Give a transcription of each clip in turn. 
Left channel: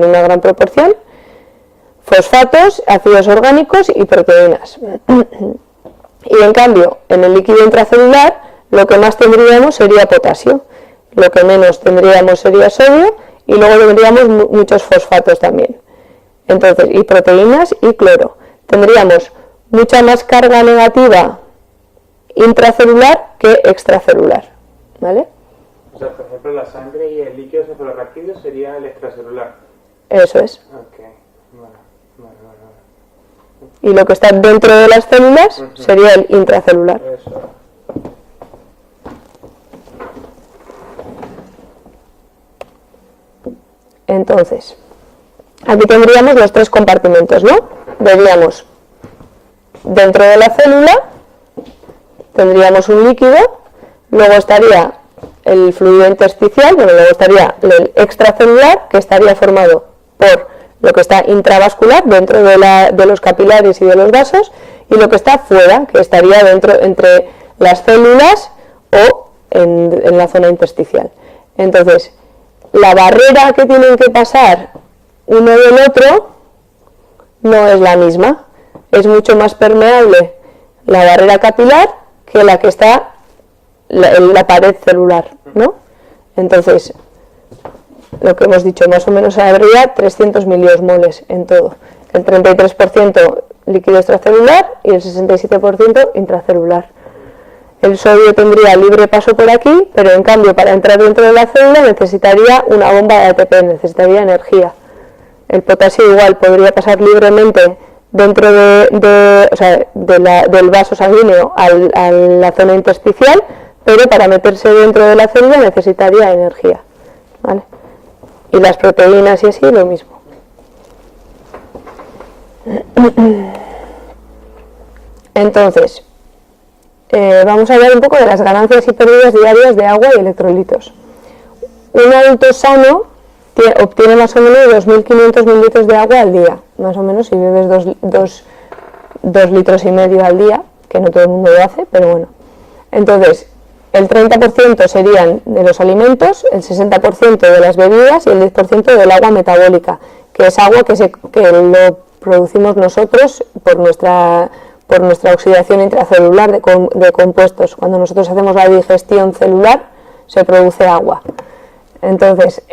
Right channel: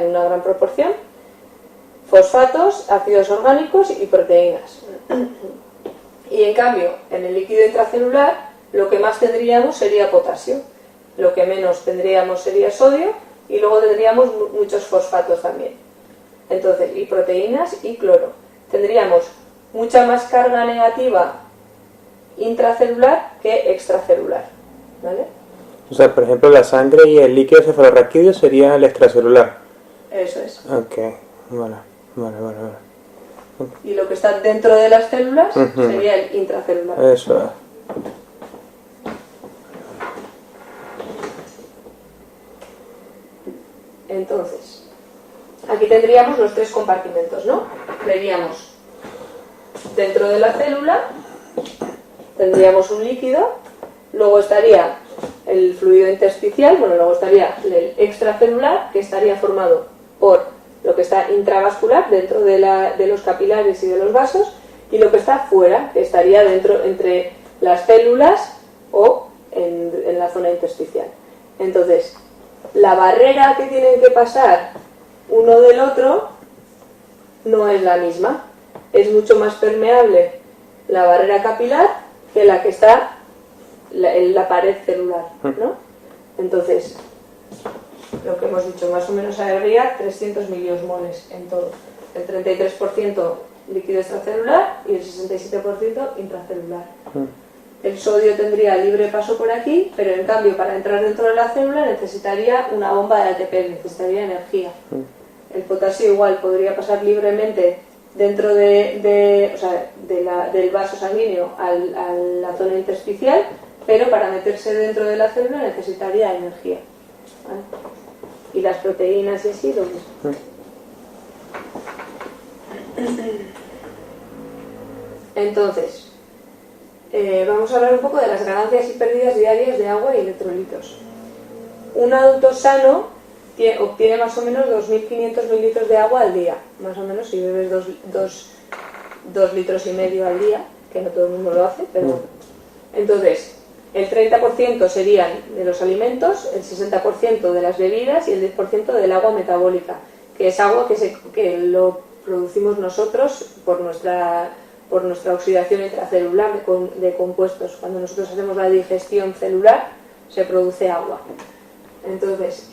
en una gran proporción, fosfatos, ácidos orgánicos y proteínas. Y en cambio, en el líquido intracelular, lo que más tendríamos sería potasio, lo que menos tendríamos sería sodio, y luego tendríamos muchos fosfatos también. Entonces, y proteínas y cloro. Tendríamos mucha más carga negativa intracelular que extracelular, ¿vale? O sea, por ejemplo, la sangre y el líquido cefalorraquídeo sería el extracelular. Eso es. Ok, vale. Y lo que está dentro de las células sería el intracelular. Eso es. Entonces, aquí tendríamos los tres compartimentos, ¿no? Veríamos dentro de la célula, tendríamos un líquido, luego estaría el fluido intersticial, luego estaría el extracelular, que estaría formado por lo que está intravascular, dentro de los capilares y de los vasos, y lo que está fuera, que estaría dentro, entre las células o en la zona intersticial. Entonces, la barrera que tienen que pasar uno del otro no es la misma. Es mucho más permeable la barrera capilar que la que está en la pared celular, ¿no? Entonces, lo que hemos dicho, más o menos habría 300 miliosmoles en todo. El 33% líquido extracelular y el 67% intracelular. El sodio tendría libre paso por aquí, pero en cambio para entrar dentro de la célula necesitaría una bomba de ATP, necesitaría energía. El potasio igual podría pasar libremente dentro del vaso sanguíneo a la zona intersticial, pero para meterse dentro de la célula necesitaría energía, ¿vale? Y las proteínas y así lo mismo. Entonces, vamos a hablar un poco de las ganancias y pérdidas diarias de agua y electrolitos. Un adulto sano obtiene más o menos 2.500 mililitros de agua al día, más o menos si bebes 2 litros y medio al día, que no todo el mundo lo hace, pero bueno. Entonces, el 30% serían de los alimentos, el 60% de las bebidas y el 10% del agua metabólica, que es agua que lo producimos nosotros por nuestra oxidación intracelular de compuestos. Cuando nosotros hacemos la digestión celular, se produce agua. Entonces,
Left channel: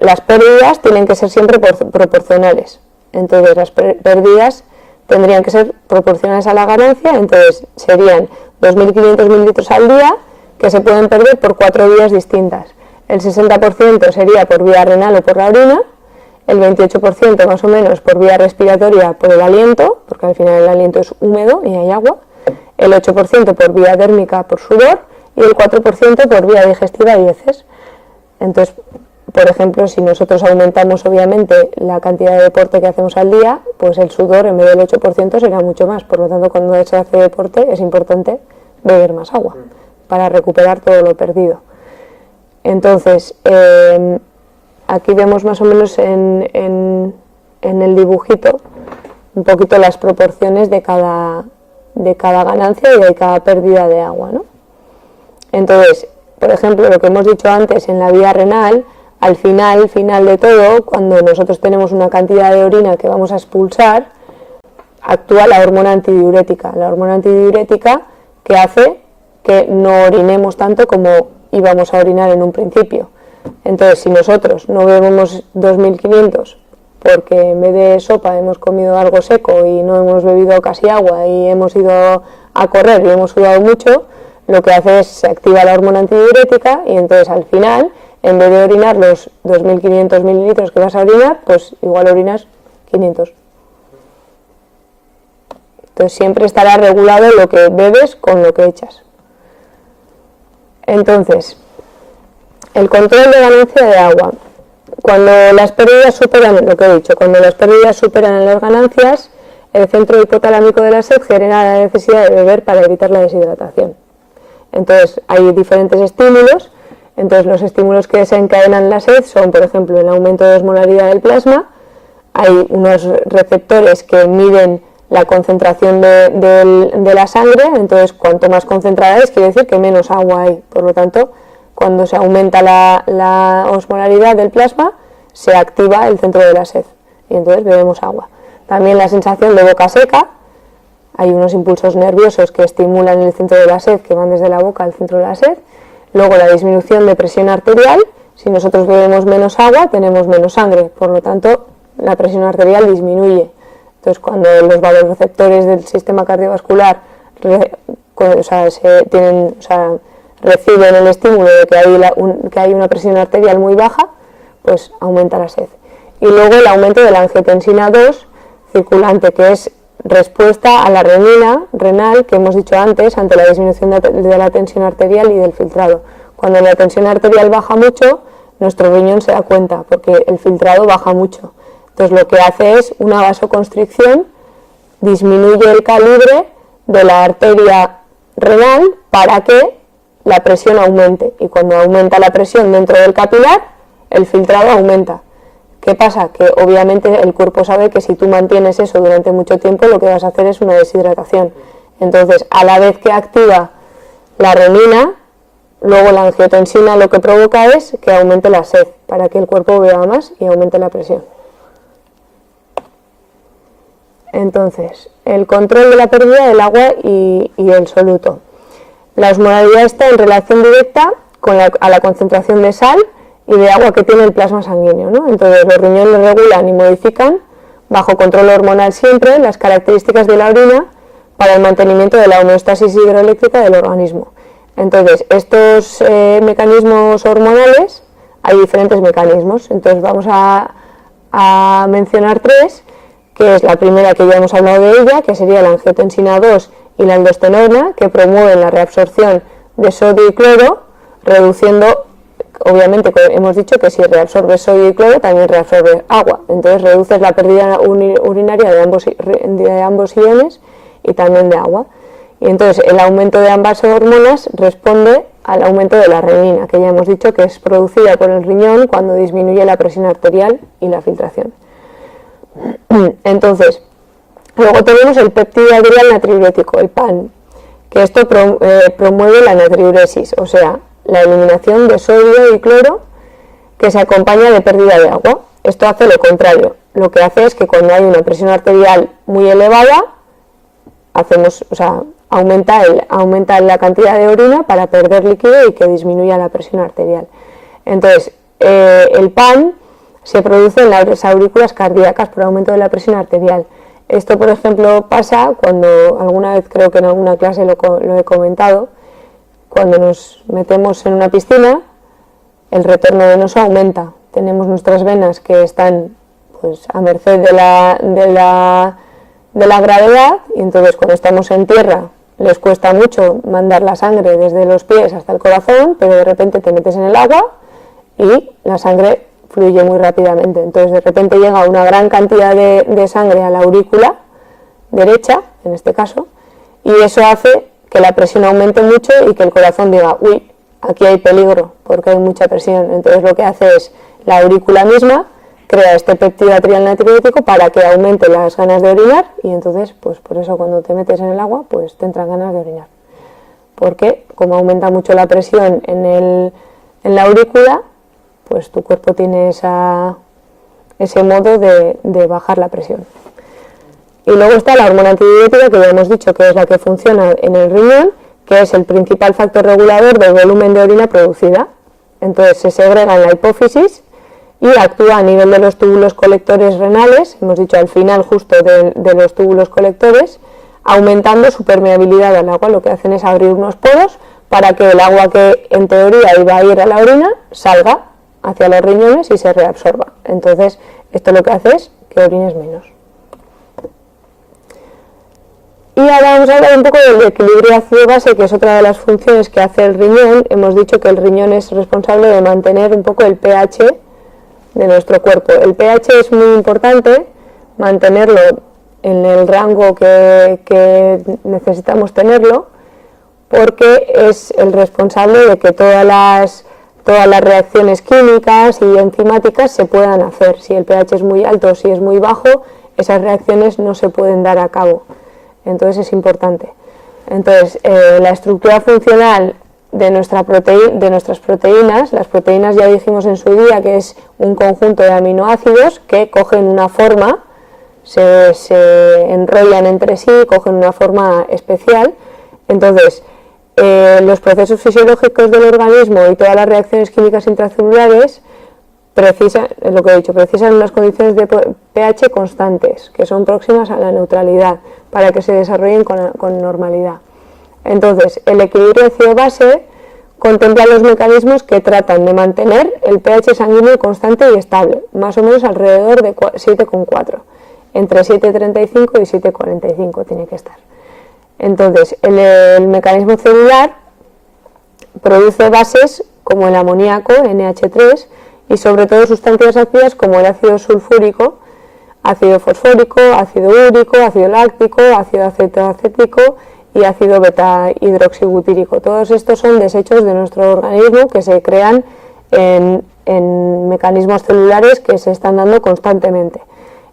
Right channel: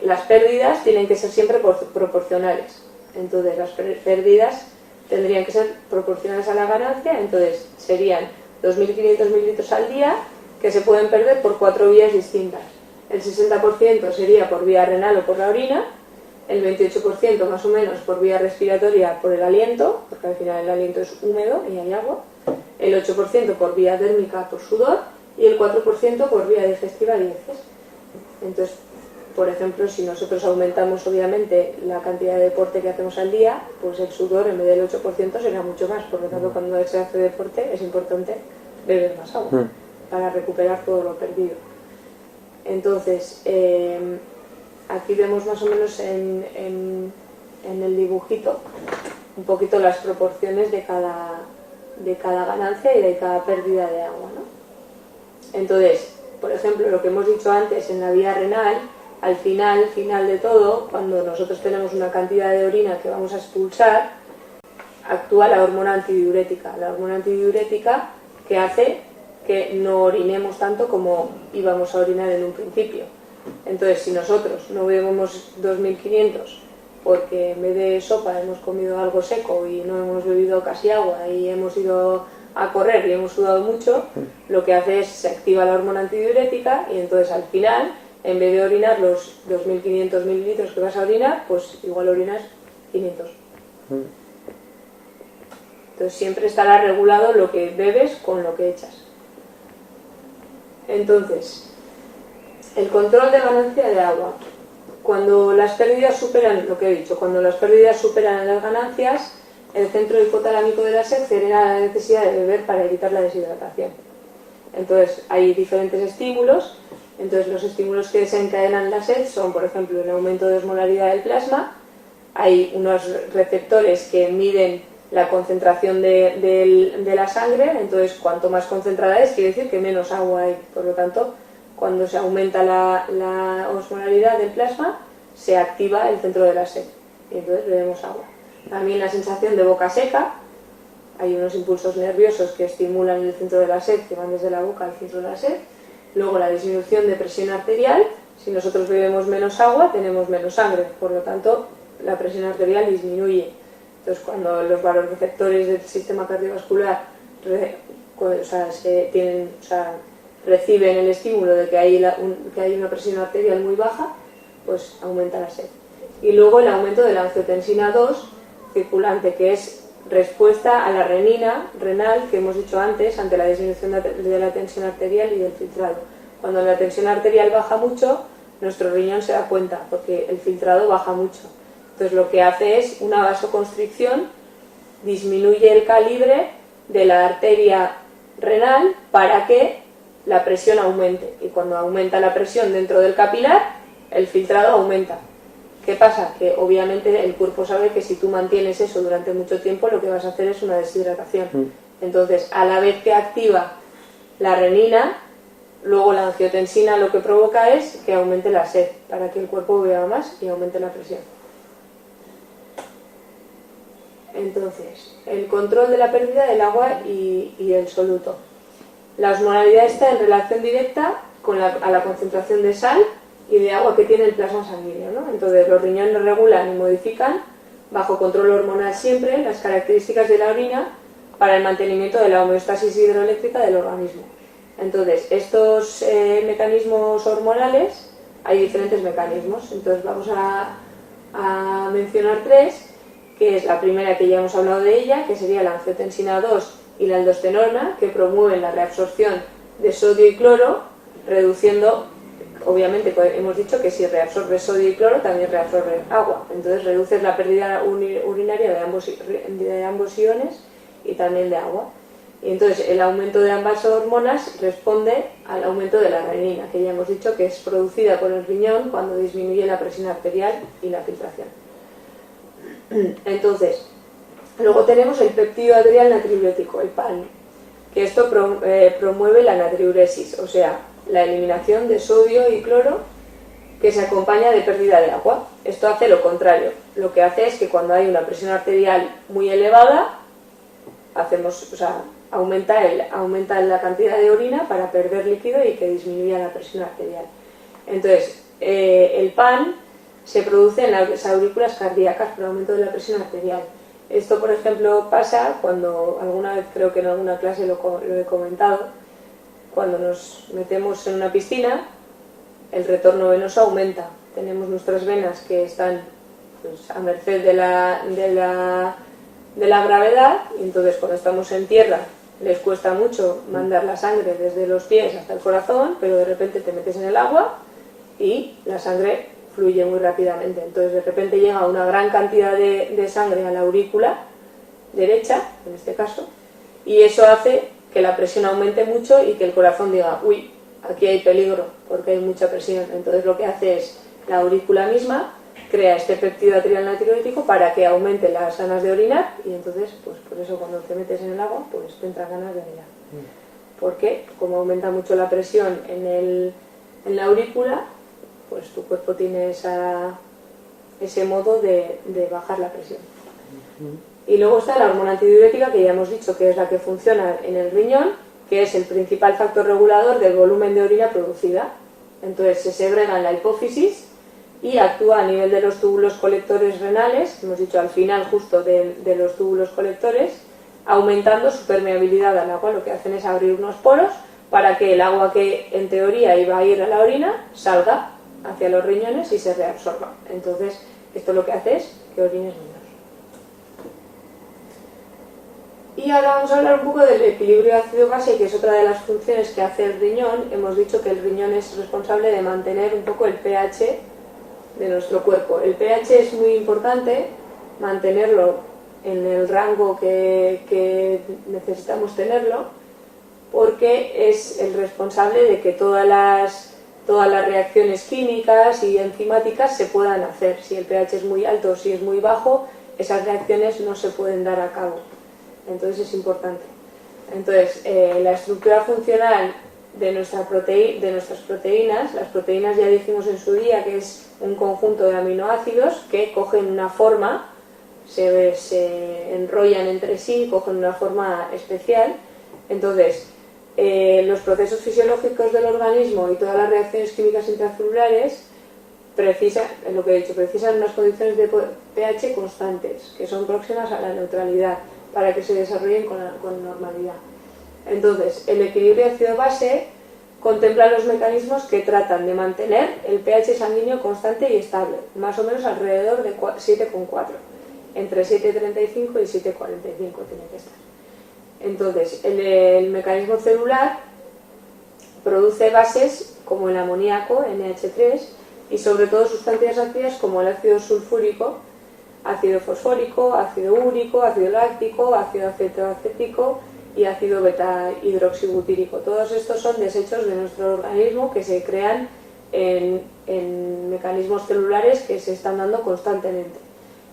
las pérdidas tienen que ser siempre proporcionales. Entonces, las pérdidas tendrían que ser proporcionales a la ganancia, entonces serían 2.500 mililitros al día, que se pueden perder por 4 vías distintas. El 60% sería por vía renal o por la orina, el 28% más o menos por vía respiratoria por el aliento, porque al final el aliento es húmedo y hay agua, el 8% por vía térmica por sudor y el 4% por vía digestiva y heces. Entonces, por ejemplo, si nosotros aumentamos obviamente la cantidad de deporte que hacemos al día, pues el sudor en vez del 8% será mucho más. Por lo tanto, cuando se hace deporte es importante beber más agua para recuperar todo lo perdido. Entonces, aquí vemos más o menos en el dibujito un poquito las proporciones de cada ganancia y de cada pérdida de agua, ¿no? Entonces, por ejemplo, lo que hemos dicho antes en la vía renal, al final de todo, cuando nosotros tenemos una cantidad de orina que vamos a expulsar, actúa la hormona antidiurética. La hormona antidiurética que hace que no orinemos tanto como íbamos a orinar en un principio. Entonces, si nosotros no bebemos 2.500 porque en vez de sopa hemos comido algo seco y no hemos bebido casi agua y hemos ido a correr y hemos sudado mucho, lo que hace es se activa la hormona antidiurética y entonces al final, en vez de orinar los 2.500 mililitros que vas a orinar, pues igual orinas 500. Entonces siempre estará regulado lo que bebes con lo que echas. Entonces, el control de ganancia de agua. Cuando las pérdidas superan, lo que he dicho, cuando las pérdidas superan en las ganancias, el centro hipotalámico de la sed genera la necesidad de beber para evitar la deshidratación. Entonces, hay diferentes estímulos. Entonces, los estímulos que desencadenan la sed son, por ejemplo, el aumento de osmolaridad del plasma. Hay unos receptores que miden la concentración de la sangre. Entonces, cuanto más concentrada es, quiere decir que menos agua hay. Por lo tanto, cuando se aumenta la osmolaridad del plasma, se activa el centro de la sed y entonces bebemos agua. También la sensación de boca seca, hay unos impulsos nerviosos que estimulan el centro de la sed, que van desde la boca al centro de la sed. Luego la disminución de presión arterial, si nosotros bebemos menos agua tenemos menos sangre, por lo tanto la presión arterial disminuye. Entonces cuando los vasoreceptores del sistema cardiovascular reciben el estímulo de que hay una presión arterial muy baja, pues aumenta la sed. Y luego el aumento de la angiotensina 2 circulante, que es respuesta a la renina renal que hemos dicho antes ante la disminución de la tensión arterial y del filtrado. Cuando la tensión arterial baja mucho, nuestro riñón se da cuenta porque el filtrado baja mucho. Entonces lo que hace es una vasoconstricción, disminuye el calibre de la arteria renal para que la presión aumente, y cuando aumenta la presión dentro del capilar, el filtrado aumenta. ¿Qué pasa? Que obviamente el cuerpo sabe que si tú mantienes eso durante mucho tiempo, lo que vas a hacer es una deshidratación. Entonces, a la vez que activa la renina, luego la angiotensina lo que provoca es que aumente la sed, para que el cuerpo beba más y aumente la presión. Entonces, el control de la pérdida del agua y el soluto. La osmolaridad está en relación directa a la concentración de sal y de agua que tiene el plasma sanguíneo, ¿no? Entonces los riñones regulan y modifican, bajo control hormonal siempre, las características de la orina para el mantenimiento de la homeostasis hidroeléctrica del organismo. Entonces estos mecanismos hormonales, hay diferentes mecanismos, entonces vamos a mencionar tres, que es la primera que ya hemos hablado de ella, que sería la angiotensina 2 y la aldosterona, que promueven la reabsorción de sodio y cloro, reduciendo. Obviamente hemos dicho que si reabsorbes sodio y cloro también reabsorbes agua, entonces reduces la pérdida urinaria de ambos iones y también de agua. Y entonces el aumento de ambas hormonas responde al aumento de la renina, que ya hemos dicho que es producida por el riñón cuando disminuye la presión arterial y la filtración. Entonces, luego tenemos el péptido adrial natriurético, el PAN, que esto promueve la natriuresis, o sea, la eliminación de sodio y cloro que se acompaña de pérdida de agua. Esto hace lo contrario. Lo que hace es que cuando hay una presión arterial muy elevada, aumenta la cantidad de orina para perder líquido y que disminuya la presión arterial. Entonces, el PAN se produce en las aurículas cardíacas por aumento de la presión arterial. Esto, por ejemplo, pasa cuando, alguna vez creo que en alguna clase lo he comentado, cuando nos metemos en una piscina, el retorno venoso aumenta. Tenemos nuestras venas que están pues, a merced de la gravedad, y entonces cuando estamos en tierra les cuesta mucho mandar la sangre desde los pies hasta el corazón, pero de repente te metes en el agua y la sangre fluye muy rápidamente. Entonces de repente llega una gran cantidad de sangre a la aurícula derecha, en este caso, y eso hace que la presión aumente mucho y que el corazón diga, uy, aquí hay peligro porque hay mucha presión. Entonces lo que hace es la aurícula misma crea este péptido adrial natriurético para que aumente las ganas de orinar, y entonces pues por eso cuando te metes en el agua pues te entran ganas de orinar, porque como aumenta mucho la presión en la aurícula, pues tu cuerpo tiene ese modo de bajar la presión. Y luego está la hormona antidiurética, que ya hemos dicho que es la que funciona en el riñón, que es el principal factor regulador del volumen de orina producida. Entonces se segrega en la hipófisis y actúa a nivel de los túbulos colectores renales, hemos dicho al final justo de los túbulos colectores, aumentando su permeabilidad al agua. Lo que hacen es abrir unos poros para que el agua que en teoría iba a ir a la orina salga hacia los riñones y se reabsorba. Entonces esto lo que hace es que orines menos. Y ahora vamos a hablar un poco del equilibrio ácido-base, que es otra de las funciones que hace el riñón. Hemos dicho que el riñón es responsable de mantener un poco el pH de nuestro cuerpo. El pH es muy importante, mantenerlo en el rango que necesitamos tenerlo, porque es el responsable de que todas las reacciones químicas y enzimáticas se puedan hacer. Si el pH es muy alto o si es muy bajo, esas reacciones no se pueden dar a cabo. Entonces es importante. Entonces la estructura funcional de nuestras proteínas. Las proteínas ya dijimos en su día que es un conjunto de aminoácidos que cogen una forma, se enrollan entre sí, cogen una forma especial. Entonces, los procesos fisiológicos del organismo y todas las reacciones químicas intracelulares es lo que he dicho, precisan unas condiciones de pH constantes, que son próximas a la neutralidad, para que se desarrollen con normalidad. Entonces, el equilibrio ácido-base contempla los mecanismos que tratan de mantener el pH sanguíneo constante y estable, más o menos alrededor de 7,4, entre 7,35 y 7,45 tiene que estar. Entonces, el mecanismo celular produce bases como el amoníaco, NH3, y sobre todo sustancias ácidas como el ácido sulfúrico, ácido fosfórico, ácido úrico, ácido láctico, ácido acetoacético y ácido beta-hidroxibutírico. Todos estos son desechos de nuestro organismo que se crean en mecanismos celulares que se están dando constantemente.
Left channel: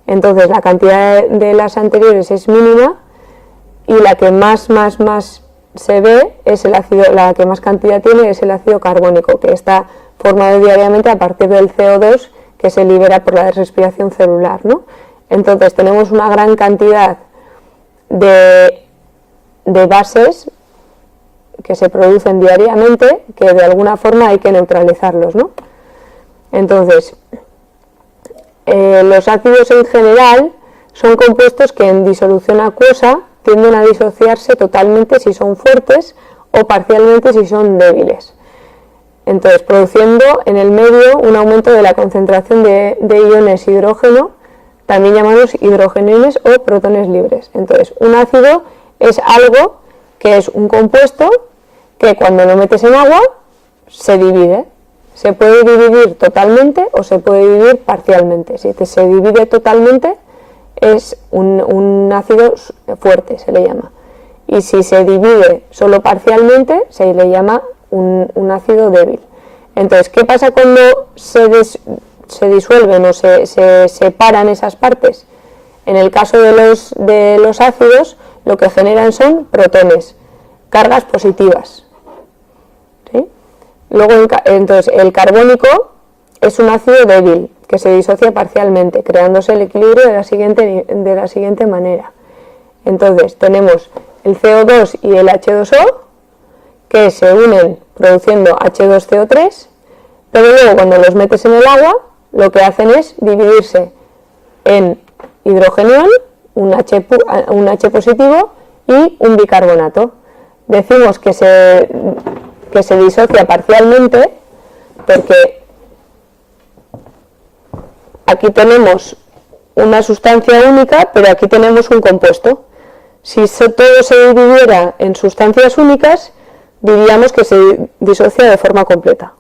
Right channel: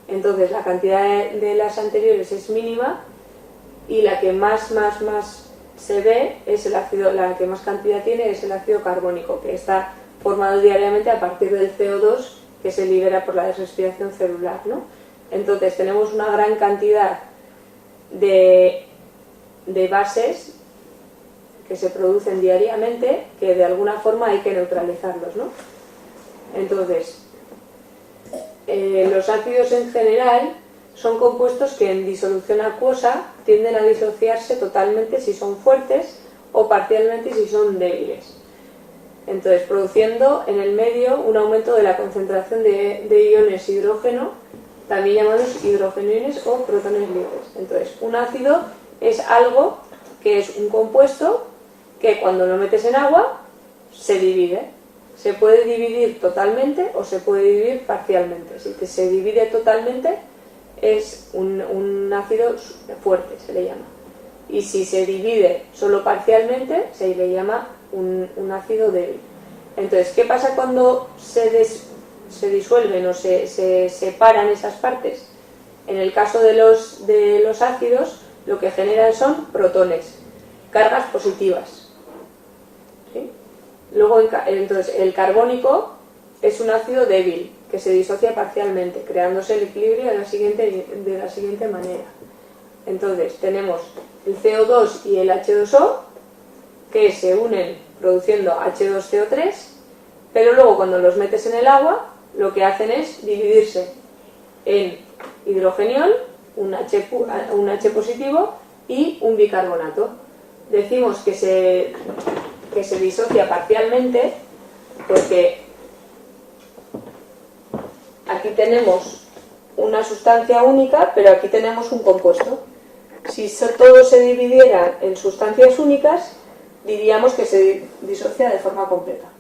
Entonces, la cantidad de las anteriores es mínima y la que más se ve es el ácido, la que más cantidad tiene es el ácido carbónico, que está formado diariamente a partir del CO2 que se libera por la respiración celular, ¿no? Entonces tenemos una gran cantidad de bases que se producen diariamente que de alguna forma hay que neutralizarlos, ¿no? Entonces, los ácidos en general son compuestos que en disolución acuosa tienden a disociarse totalmente si son fuertes o parcialmente si son débiles. Entonces, produciendo en el medio un aumento de la concentración de iones hidrógeno, también llamados hidrogeniones o protones libres. Entonces, un ácido es algo que es un compuesto que cuando lo metes en agua se divide. Se puede dividir totalmente o se puede dividir parcialmente. Si se divide totalmente es un ácido fuerte, se le llama. Y si se divide solo parcialmente se le llama un ácido débil. Entonces, ¿qué pasa cuando se disuelven o se separan esas partes? En el caso de los ácidos, lo que generan son protones, cargas positivas. ¿Sí? Luego, entonces, el carbónico es un ácido débil que se disocia parcialmente, creándose el equilibrio de la siguiente manera. Entonces, tenemos el CO2 y el H2O, que se unen produciendo H2CO3, pero luego cuando los metes en el agua, lo que hacen es dividirse en hidrogenión, un H positivo y un bicarbonato. Decimos que se disocia parcialmente porque aquí tenemos una sustancia única, pero aquí tenemos un compuesto. Si todo se dividiera en sustancias únicas, diríamos que se disocia de forma completa.